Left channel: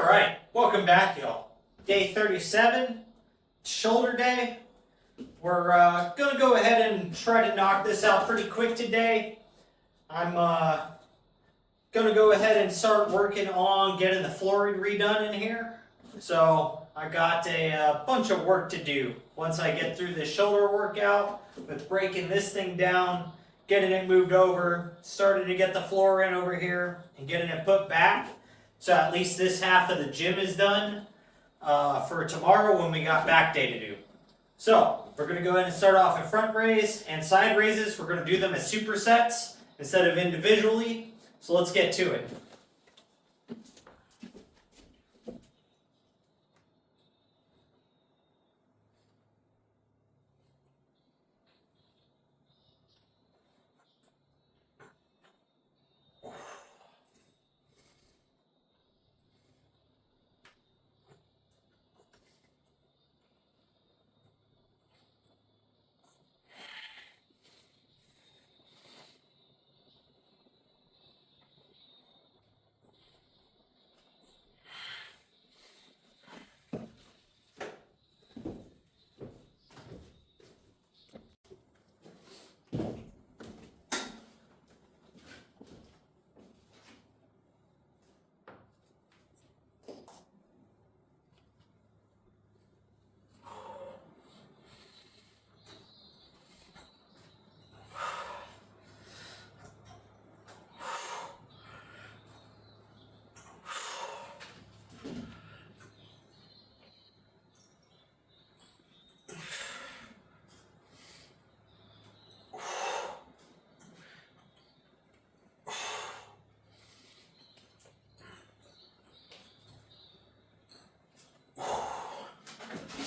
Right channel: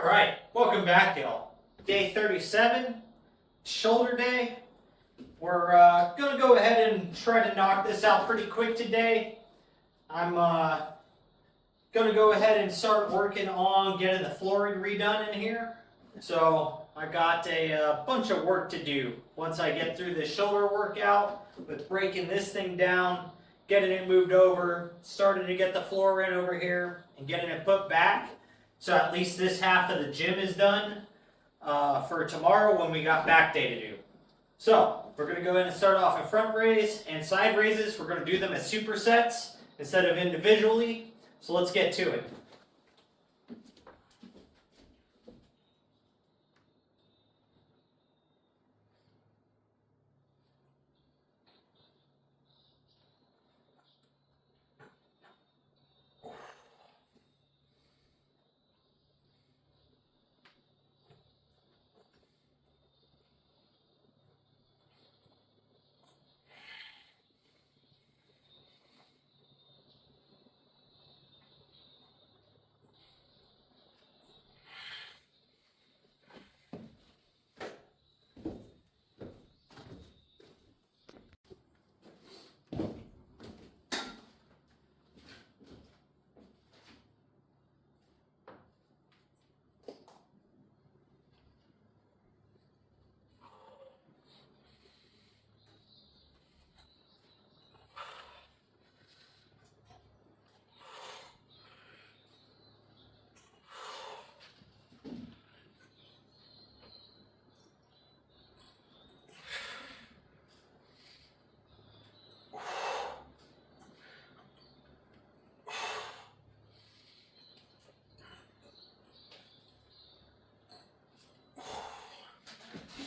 All right, welcome back, y'all. Day 37, shoulder day. We're gonna go ahead and try to knock this out pretty quick today. I'm gonna go ahead and start working on getting the flooring redone in here. So I got a bunch of work to do once I get through this shoulder workout with breaking this thing down, getting it moved over, starting to get the floor in over here, and getting it put back. So at least this half of the gym is done for tomorrow when we got back day to do. So we're going to go ahead and start off in front raise and side raises. We're going to do them as supersets instead of individually. So let's get to it.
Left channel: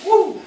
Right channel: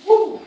Woo!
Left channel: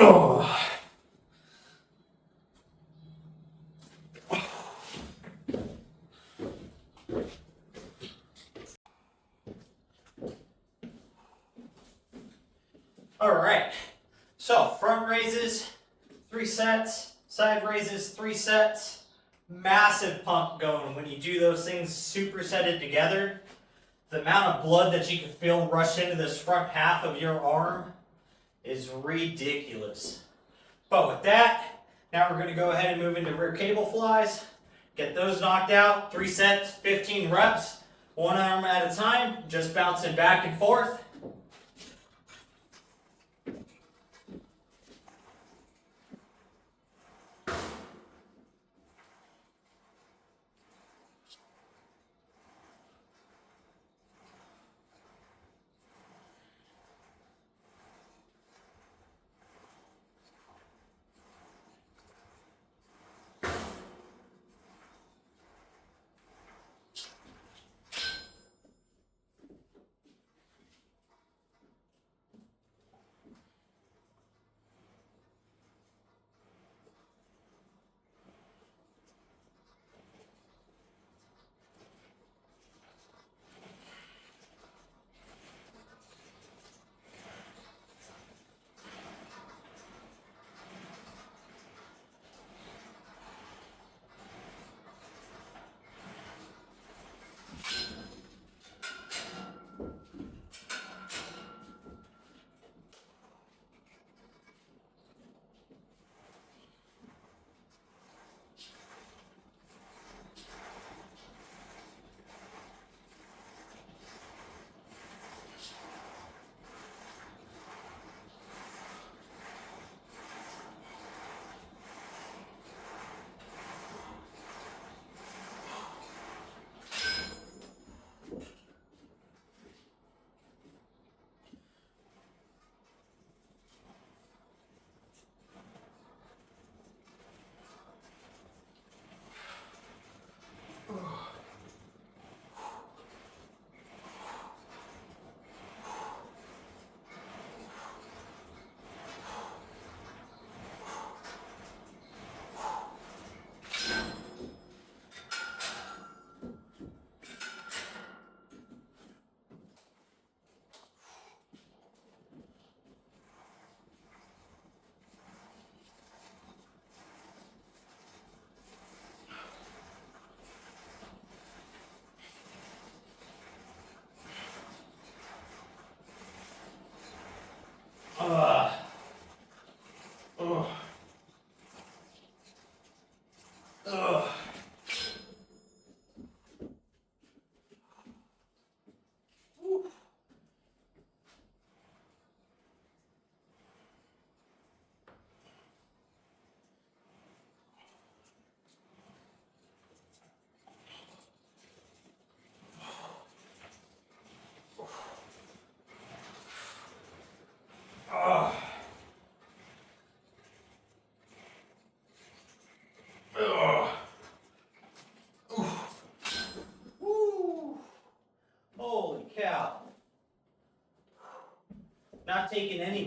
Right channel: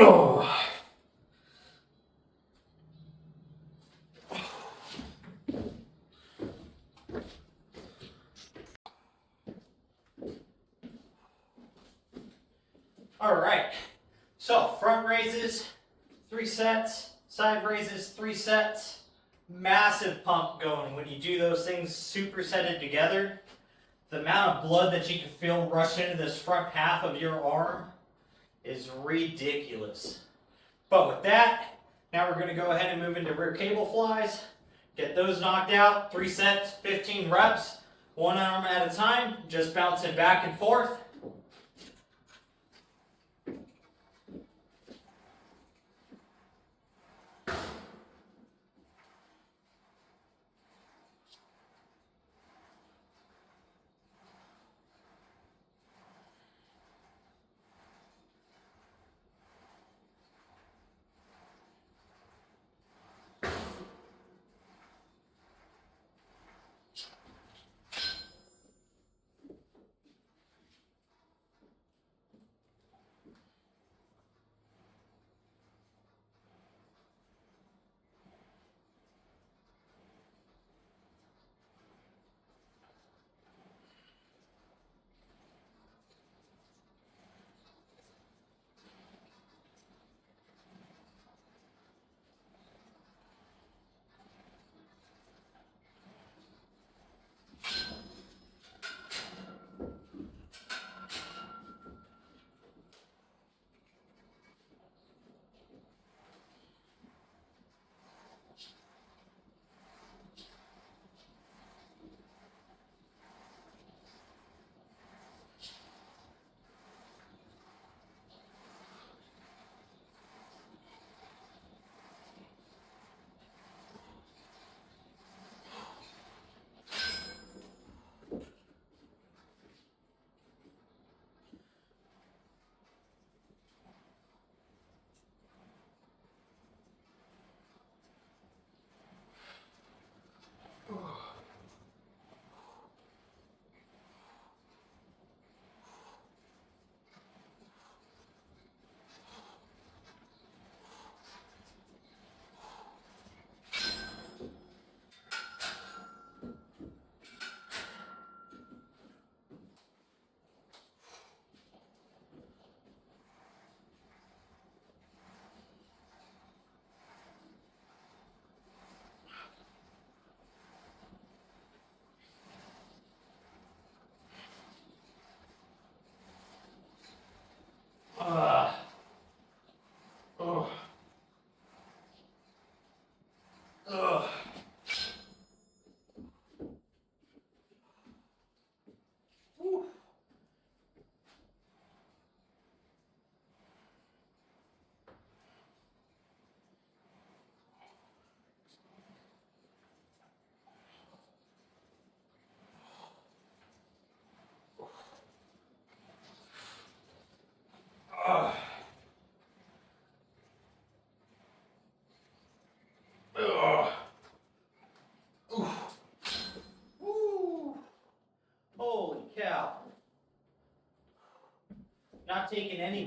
Oh. All right, so front raises, 3 sets, side raises, 3 sets. Massive pump going when you do those things supersetted together. The amount of blood that you can feel rush into this front half of your arm is ridiculous. But with that, now we're going to go ahead and move into rear cable flies. Get those knocked out, 3 sets, 15 reps, 1 arm at a time, just bouncing back and forth.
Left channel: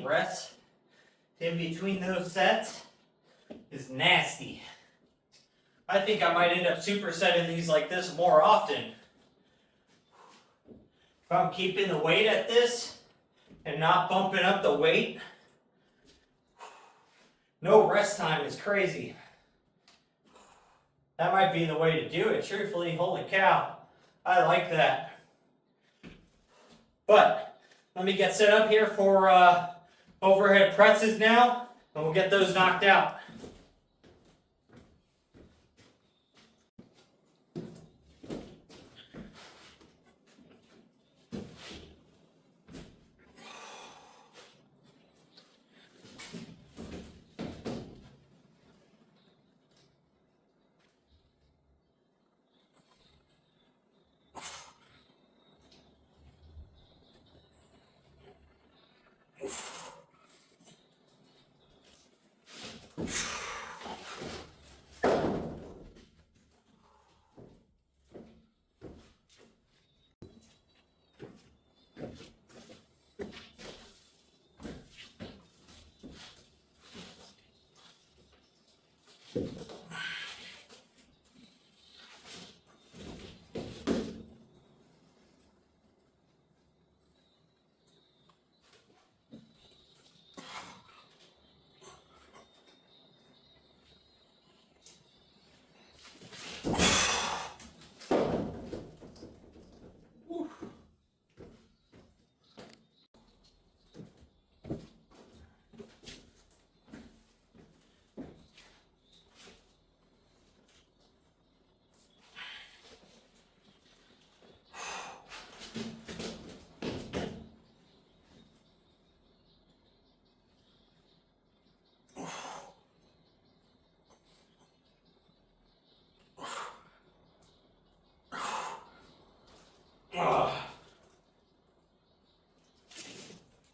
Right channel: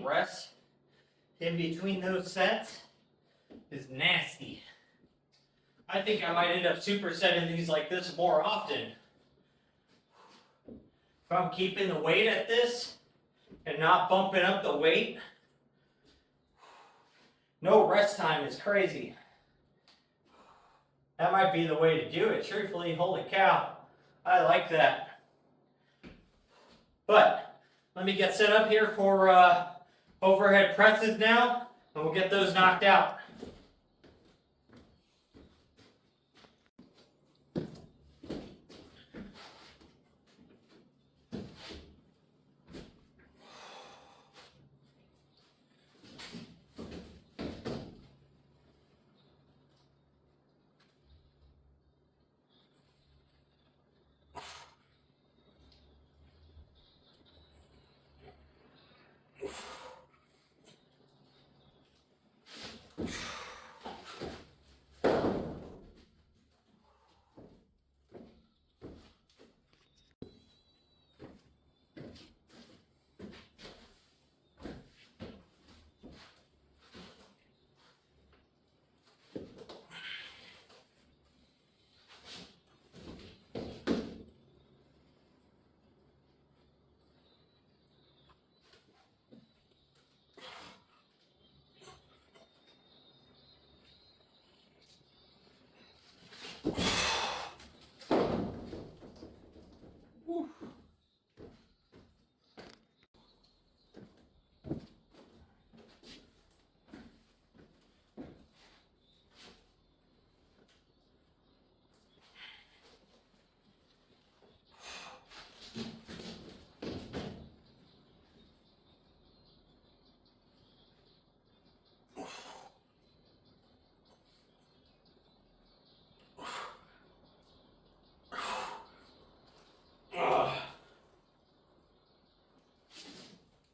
any rest in between those sets is nasty. I think I might end up supersetting these like this more often. If I'm keeping the weight at this and not bumping up the weight, no rest time is crazy. That might be the way to do it, truthfully. Holy cow, I like that. But let me get set up here for overhead presses now, and we'll get those knocked out.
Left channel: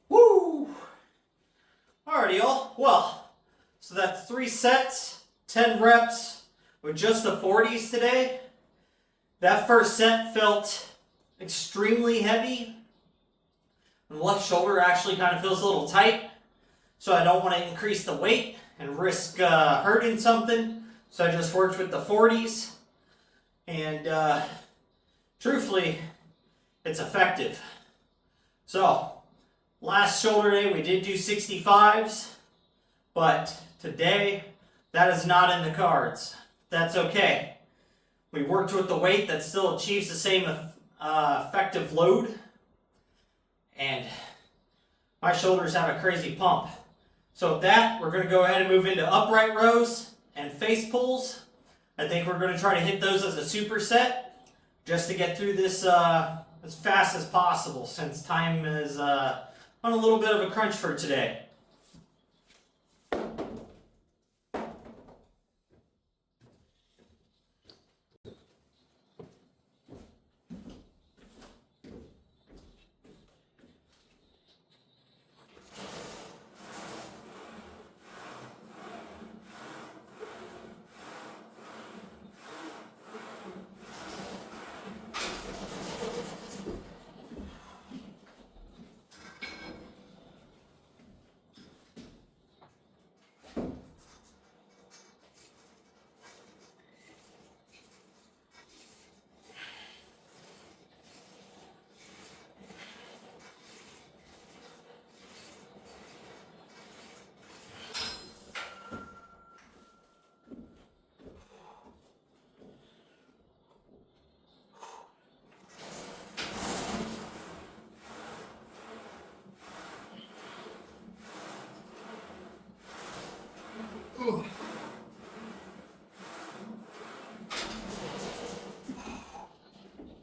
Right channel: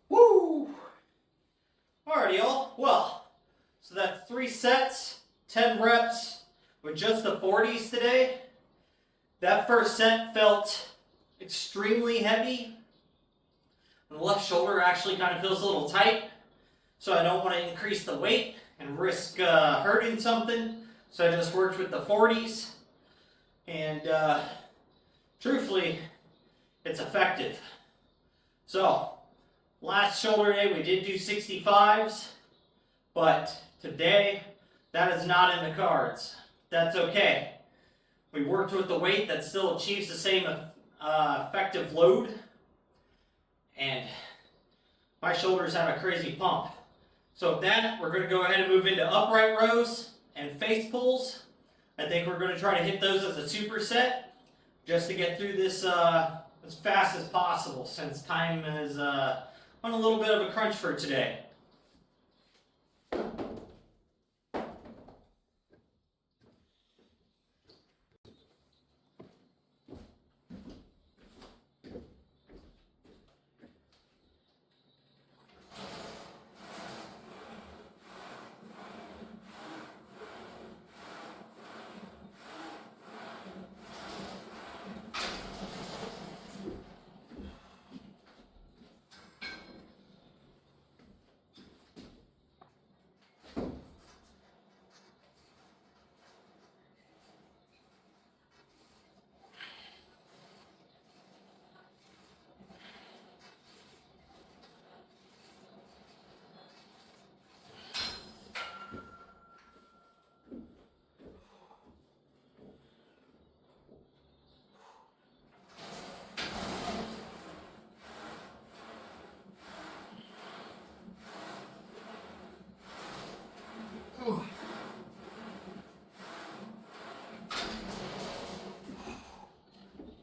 Woo! Alrighty, y'all. Well, so that's 3 sets, 10 reps with just the 40s today. That first set felt extremely heavy. And the left shoulder actually kind of feels a little tight. So I don't want to increase the weight and risk hurting something. So I just worked with the 40s. And truthfully, it's effective. So, last shoulder day we did do 65s. But today, that is not in the cards. That's okay. We worked with the weight that still achieves the same effective load. And my shoulders have a crazy pump. So with that, we're going to go ahead and move into upright rows and face pulls. I think we're going to try to hit those as a superset just to get through this as fast as possible, since time is on a little bit of a crunch for today.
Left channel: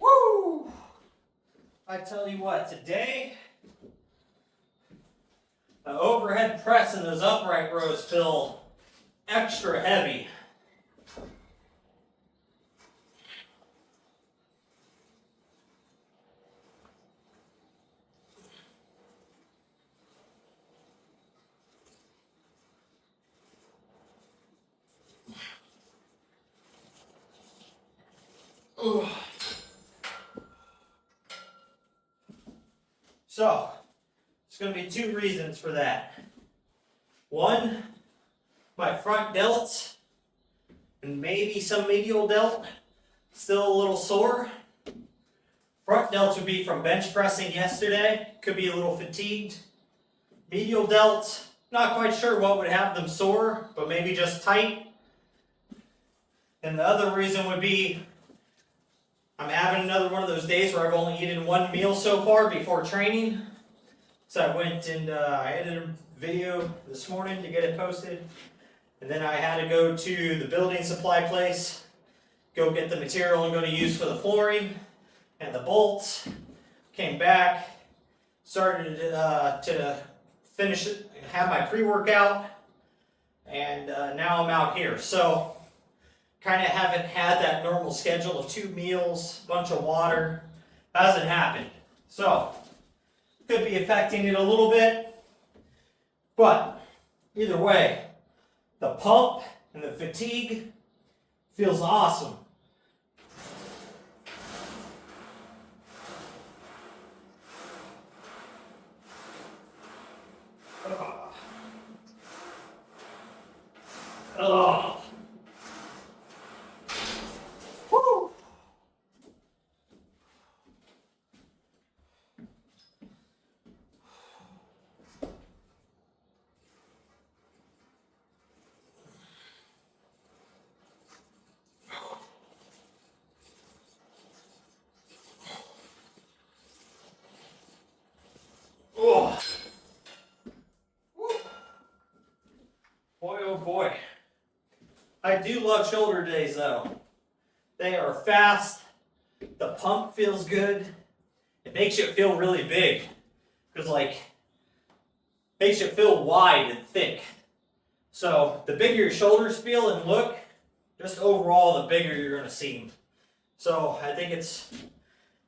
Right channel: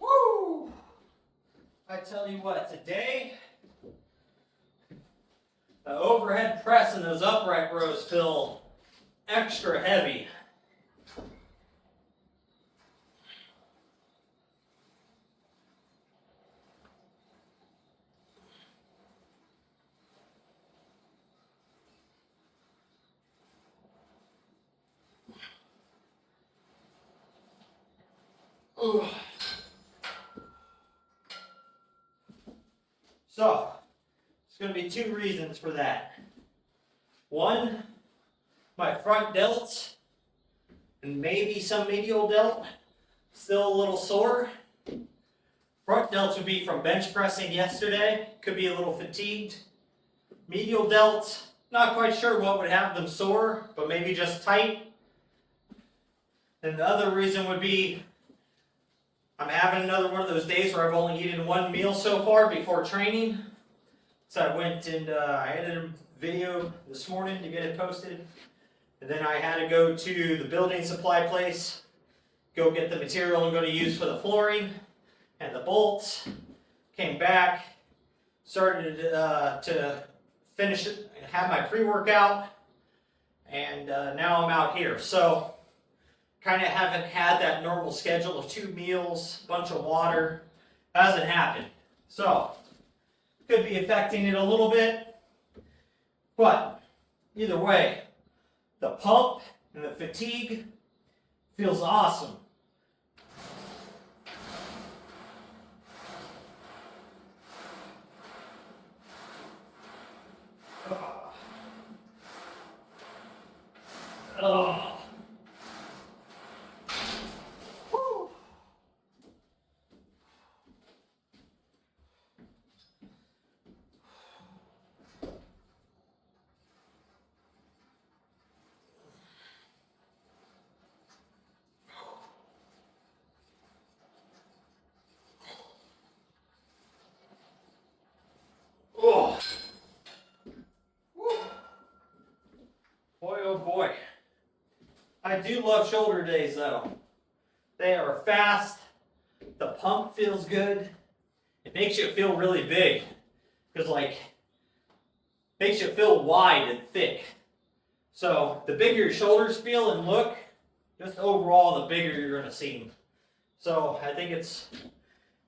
Woo! I tell you what, today, the overhead press and those upright rows feel extra heavy. So There's going to be two reasons for that. One, my front delts and maybe some medial delt still a little sore. Front delts would be from bench pressing yesterday. Could be a little fatigued. Medial delts, not quite sure what would have them sore, but maybe just tight. And the other reason would be I'm having another one of those days where I've only eaten one meal so far before training. So I went and I edited a video this morning to get it posted. And then I had to go to the building supply place, go get the material I'm going to use for the flooring and the bolts. Came back, started to finish it, have my pre-workout, and now I'm out here. So kind of haven't had that normal schedule of 2 meals, bunch of water. Hasn't happened. So could be affecting it a little bit. But either way, the pump and the fatigue feels awesome. Oh. Woo. Oh. Boy, oh boy. I do love shoulder days though. They are fast. The pump feels good. It makes you feel really big. Because makes you feel wide and thick. So the bigger your shoulders feel and look, just overall the bigger you're going to seem. So I think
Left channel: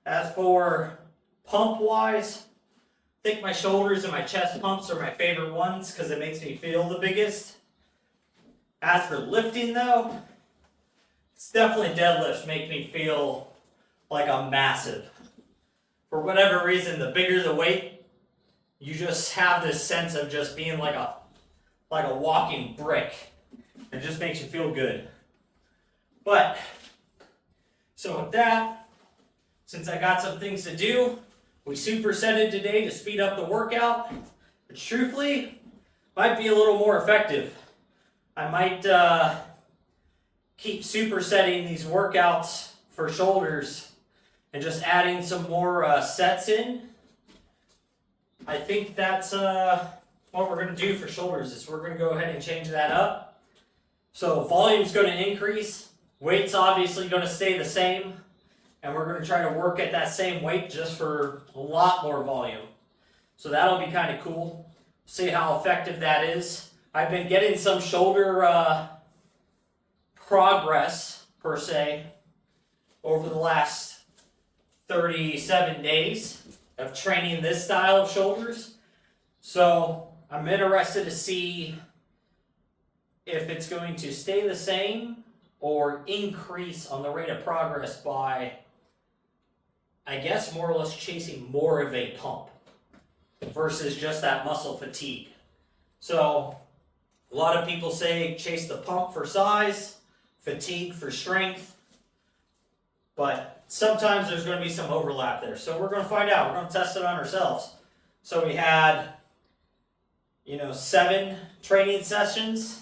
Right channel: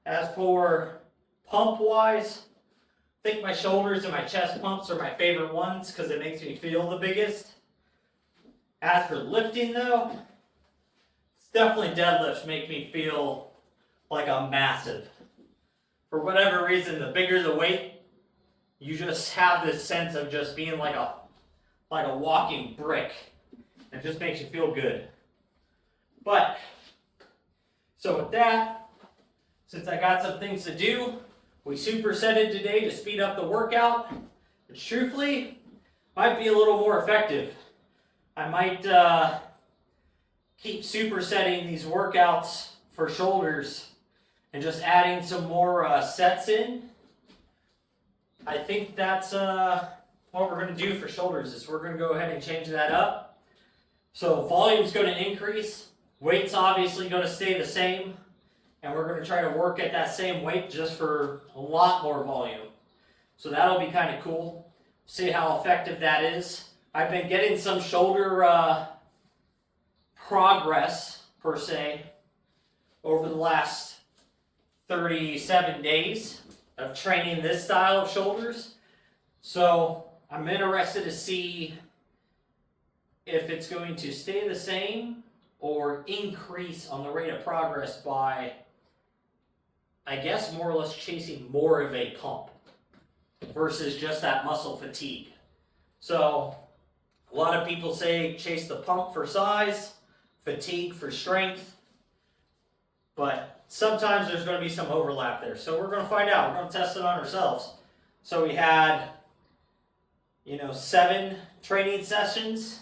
as for pump wise, I think my shoulders and my chest pumps are my favorite ones because it makes me feel the biggest. As for lifting though, it's definitely deadlifts make me feel like I'm massive. For whatever reason, the bigger the weight, you just have this sense of just being like a walking brick. It just makes you feel good. But, so with that, since I got some things to do, we supersetted today to speed up the workout, which truthfully might be a little more effective. I might keep supersetting these workouts for shoulders and just adding some more sets in. I think that's what we're going to do for shoulders is we're going to go ahead and change that up. So volume's going to increase. Weight's obviously going to stay the same. And we're going to try to work at that same weight just for a lot more volume. So that'll be kind of cool. See how effective that is. I've been getting some shoulder progress, per se, over the last 37 days of training this style of shoulders. So I'm interested to see if it's going to stay the same or increase on the rate of progress by, I guess, more or less chasing more of a pump versus just that muscle fatigue. So a lot of people say chase the pump for size, fatigue for strength, but sometimes there's going to be some overlap there. So we're going to find out. We're going to test it on ourselves. So we had, 7 training sessions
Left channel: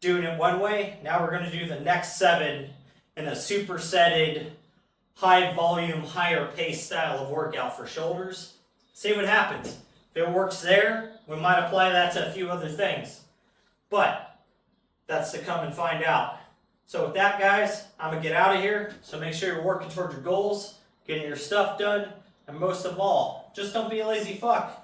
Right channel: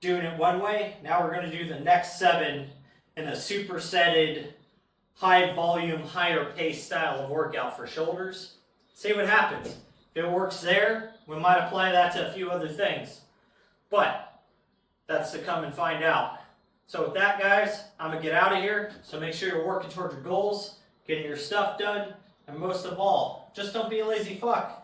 doing it one way. Now we're going to do the next 7 in a supersetted, high volume, higher pace style of workout for shoulders. See what happens. If it works there, we might apply that to a few other things. But that's to come and find out. So with that, guys, I'm going to get out of here. So make sure you're working towards your goals, getting your stuff done, and most of all, just don't be a lazy fuck.